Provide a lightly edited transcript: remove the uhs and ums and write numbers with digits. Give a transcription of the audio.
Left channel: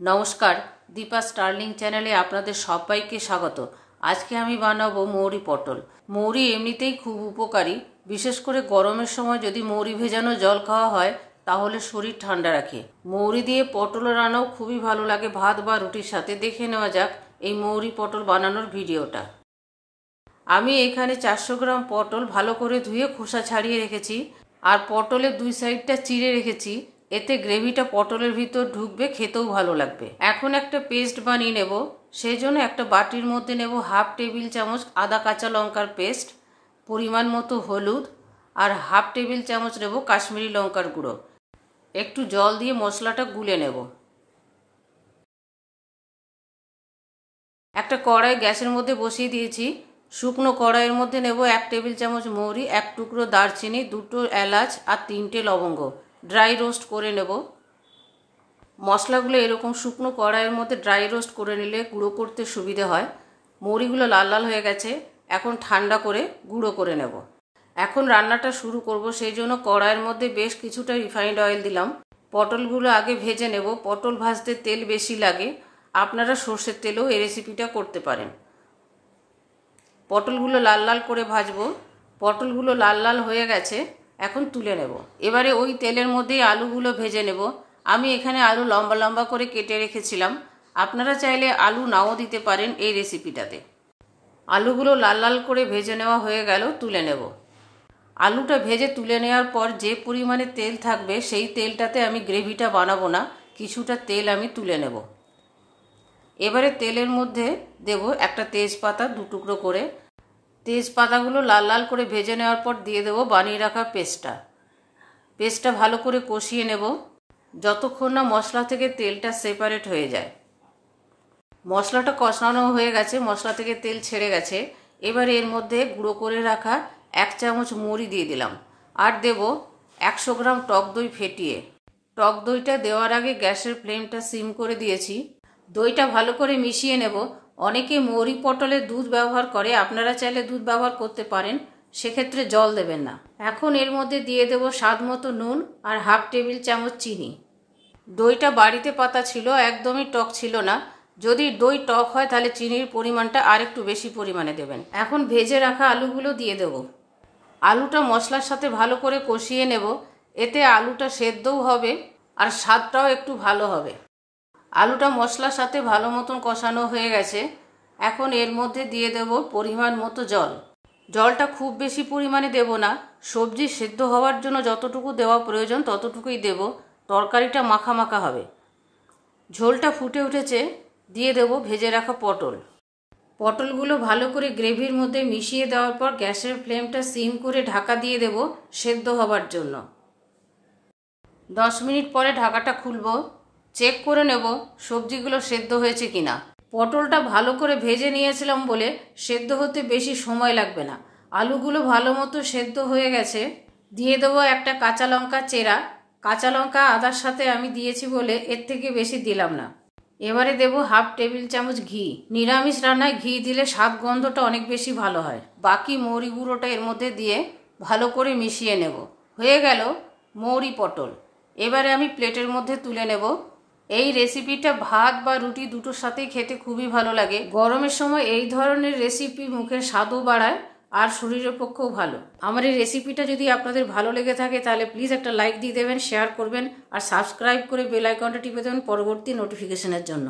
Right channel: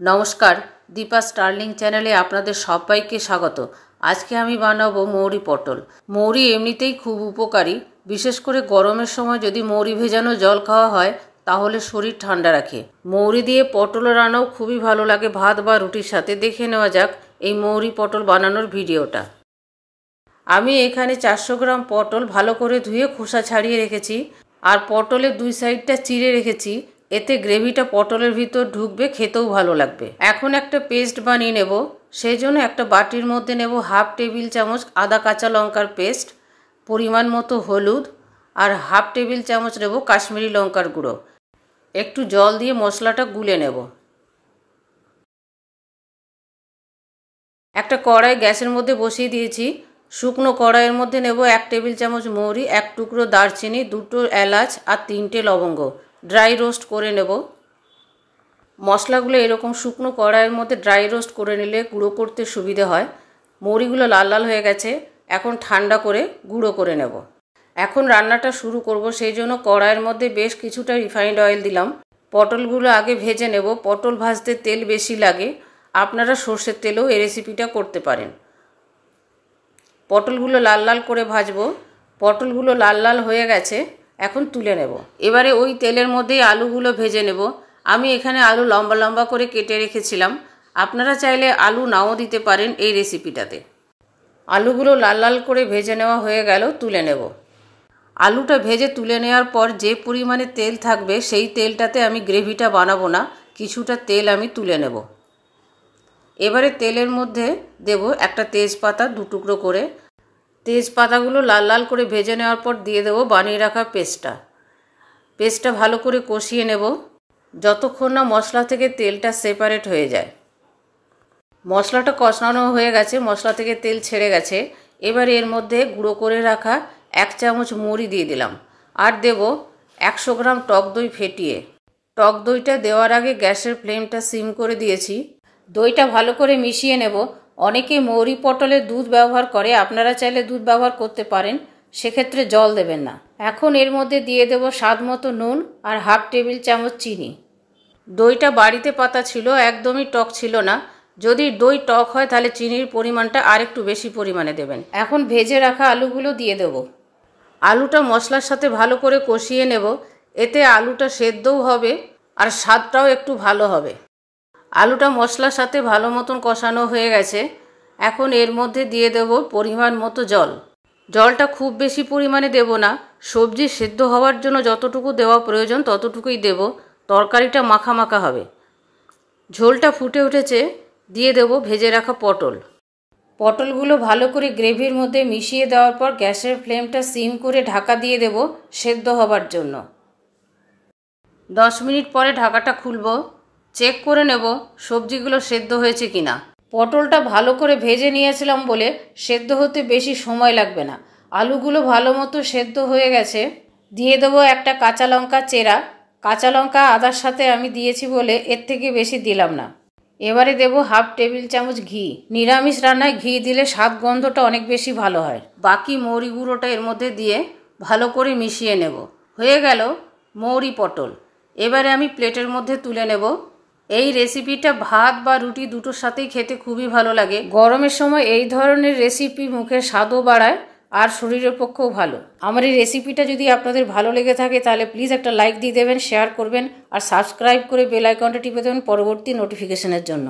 नमस्कार दीपा स्टार्लिंग चैनले आपनादेर सबाइके स्वागत। आज के आमी बानाबो मौरी पटल। मौरी एमनितेई खूब उपकारी, विशेष करे गरमेर समय यदि मौरी भेजानो जल खाওয়া হয় তাহলে शरीर ঠান্ডা রাখে। मौरी दिए पटल रान्नाও खूबই भालो लागे भात बा रुटिर साथे। देखे नेওয়া যাক এই मौरी पटल बानानोर ভিডিওটা। আমি এখানে 400 গ্রাম পটল ভালো করে ধুয়ে খোসা ছাড়িয়ে রেখেছি আর পটলের দুই সাইডটা চিড়ে রেখেছি। এতে গ্রেভিটা পটলের ভিতর ঢুকবে, খেতেও ভালো লাগবে। এখন একটা পেস্ট বানিয়ে নেব। সেই জন্য একটা বাটির মধ্যে নেব হাফ টেবিল চামচ আদা কাঁচা লঙ্কার পেস্ট, পরিমাণ মতো হলুদ আর হাফ টেবিল চামচ নেব কাশ্মীরি লঙ্কার গুঁড়ো। একটু জল দিয়ে মশলাটা গুলে নেব। একটা কড়াই গ্যাসের মধ্যে বসিয়ে দিয়েছি। শুকনো কড়াইয়ের মধ্যে নেব 1 টেবিল চামচ মৌরি, 1 টুকরো দারচিনি, 2টো এলাচ আর 3টে লবঙ্গ। ড্রাই রোস্ট করে নেব। মশলাগুলো এরকম শুকনো কড়াইয়ের মধ্যে ড্রাই রোস্ট করে নিলে গুঁড়ো করতে সুবিধে হয়। মৌরিগুলো লাল লাল হয়ে গেছে, এখন ঠান্ডা করে গুঁড়ো করে নেব। এখন রান্নাটা শুরু করব। সেই জন্য কড়াইয়ের মধ্যে বেশ কিছুটা রিফাইন্ড অয়েল দিলাম। পটলগুলো আগে ভেজে নেব। পটল ভাজতে তেল বেশি লাগে, আপনারা সর্ষের তেলেও এই রেসিপিটা করতে পারেন। পটলগুলো লাল লাল করে ভাজবো। পটলগুলো লাল লাল হয়ে গেছে, এখন তুলে নেব। এবারে ওই তেলের মধ্যেই আলুগুলো ভেজে নেব। আমি এখানে আলু লম্বা লম্বা করে কেটে রেখেছিলাম, আপনারা চাইলে আলু নাও দিতে পারেন এই রেসিপিটাতে। আলুগুলো লাল লাল করে ভেজে নেওয়া হয়ে গেল, তুলে নেব। আলুটা ভেজে তুলে নেওয়ার পর যে পরিমাণে তেল থাকবে সেই তেলটাতে আমি গ্রেভিটা বানাবো না, কিছুটা তেল আমি তুলে নেব। এবারে তেলের মধ্যে দেব একটা তেজপাতা 2 টুকরো করে। তেজপাতাগুলো লাল লাল করে ভেজে নেওয়ার পর দিয়ে দেব বানিয়ে রাখা পেস্টটা ভালো করে কষিয়ে নেব যতক্ষণ না মশলা থেকে তেলটা সেপারেট হয়ে যায়। মশলাটা কষানো হয়ে গেছে, মশলা থেকে তেল ছেড়ে গেছে। এবার এর মধ্যে গুঁড়ো করে রাখা 1 চামচ মৌরি দিয়ে দিলাম আর দেব 100 গ্রাম টক দই ফেটিয়ে। টক দইটা দেওয়ার আগে গ্যাসের ফ্লেমটা সিম করে দিয়েছি। দইটা ভালো করে মিশিয়ে নেব। অনেকে মৌরি পটলে দুধ ব্যবহার করে, আপনারা চাইলে দুধ ব্যবহার করতে পারেন, সেক্ষেত্রে জল দেবেন না। এখন এর মধ্যে দিয়ে দেব স্বাদ মতো নুন আর হাফ টেবিল চামচ চিনি। দইটা বাড়িতে পাতা ছিল, একদমই টক ছিল না। যদি দই টক হয় তাহলে চিনির পরিমাণটা আরেকটু বেশি পরিমাণে দেবেন। এখন ভেজে রাখা আলুগুলো দিয়ে দেব। আলুটা মশলার সাথে ভালো করে কষিয়ে নেব। এতে আলুটা সেদ্ধও হবে আর স্বাদটাও একটু ভালো হবে। আলুটা মশলার সাথে ভালো মতন কষানো হয়ে গেছে। এখন এর মধ্যে দিয়ে দেব পরিমাণ মতো জল। জলটা খুব বেশি পরিমাণে দেব না, সবজি সেদ্ধ হওয়ার জন্য যতটুকু দেওয়া প্রয়োজন ততটুকুই দেব। তরকারিটা মাখা মাখা হবে। ঝোলটা ফুটে উঠেছে, দিয়ে দেব ভেজে রাখা পটলগুলো ভালো করে গ্রেভির মধ্যে মিশিয়ে দেওয়ার পর গ্যাসের ফ্লেমটা সিম করে ঢাকা দিয়ে দেব সেদ্ধ হবার জন্য। 10 মিনিট পরে ঢাকাটা খুলব, চেক করে নেব সবজিগুলো সেদ্ধ হয়েছে কিনা। পটলটা ভালো করে ভেজে নিয়েছিলাম বলে সেদ্ধ হতে বেশি সময় লাগবে না। আলুগুলো ভালো মতো সেদ্ধ হয়ে গেছে। দিয়ে দেবো একটা কাঁচা লঙ্কা চেরা। কাঁচা লঙ্কা আদার সাথে আমি দিয়েছি বলে এর থেকে বেশি দিলাম না। এবারে দেব হাফ টেবিল চামচ ঘি। নিরামিষ রান্নায় ঘি দিলে স্বাদ গন্ধটা অনেক বেশি ভালো হয়। বাকি মৌরি গুঁড়োটা এর মধ্যে দিয়ে ভালো করে মিশিয়ে নেব। হয়ে গেল মৌরি পটল। এবারে আমি প্লেটের মধ্যে তুলে নেব। এই রেসিপিটা ভাত বা রুটি দুটোর সাথেই খেতে খুবই ভালো লাগে। গরমের সময় এই ধরনের রেসিপি মুখের স্বাদও বাড়ায় আর শরীরের পক্ষেও ভালো। আমার এই রেসিপিটা যদি আপনাদের ভালো লেগে থাকে তাহলে প্লিজ একটা লাইক দিয়ে দেবেন, শেয়ার করবেন আর সাবস্ক্রাইব করে বেল আইকনটা টিপে দেবেন পরবর্তী নোটিফিকেশনের জন্য।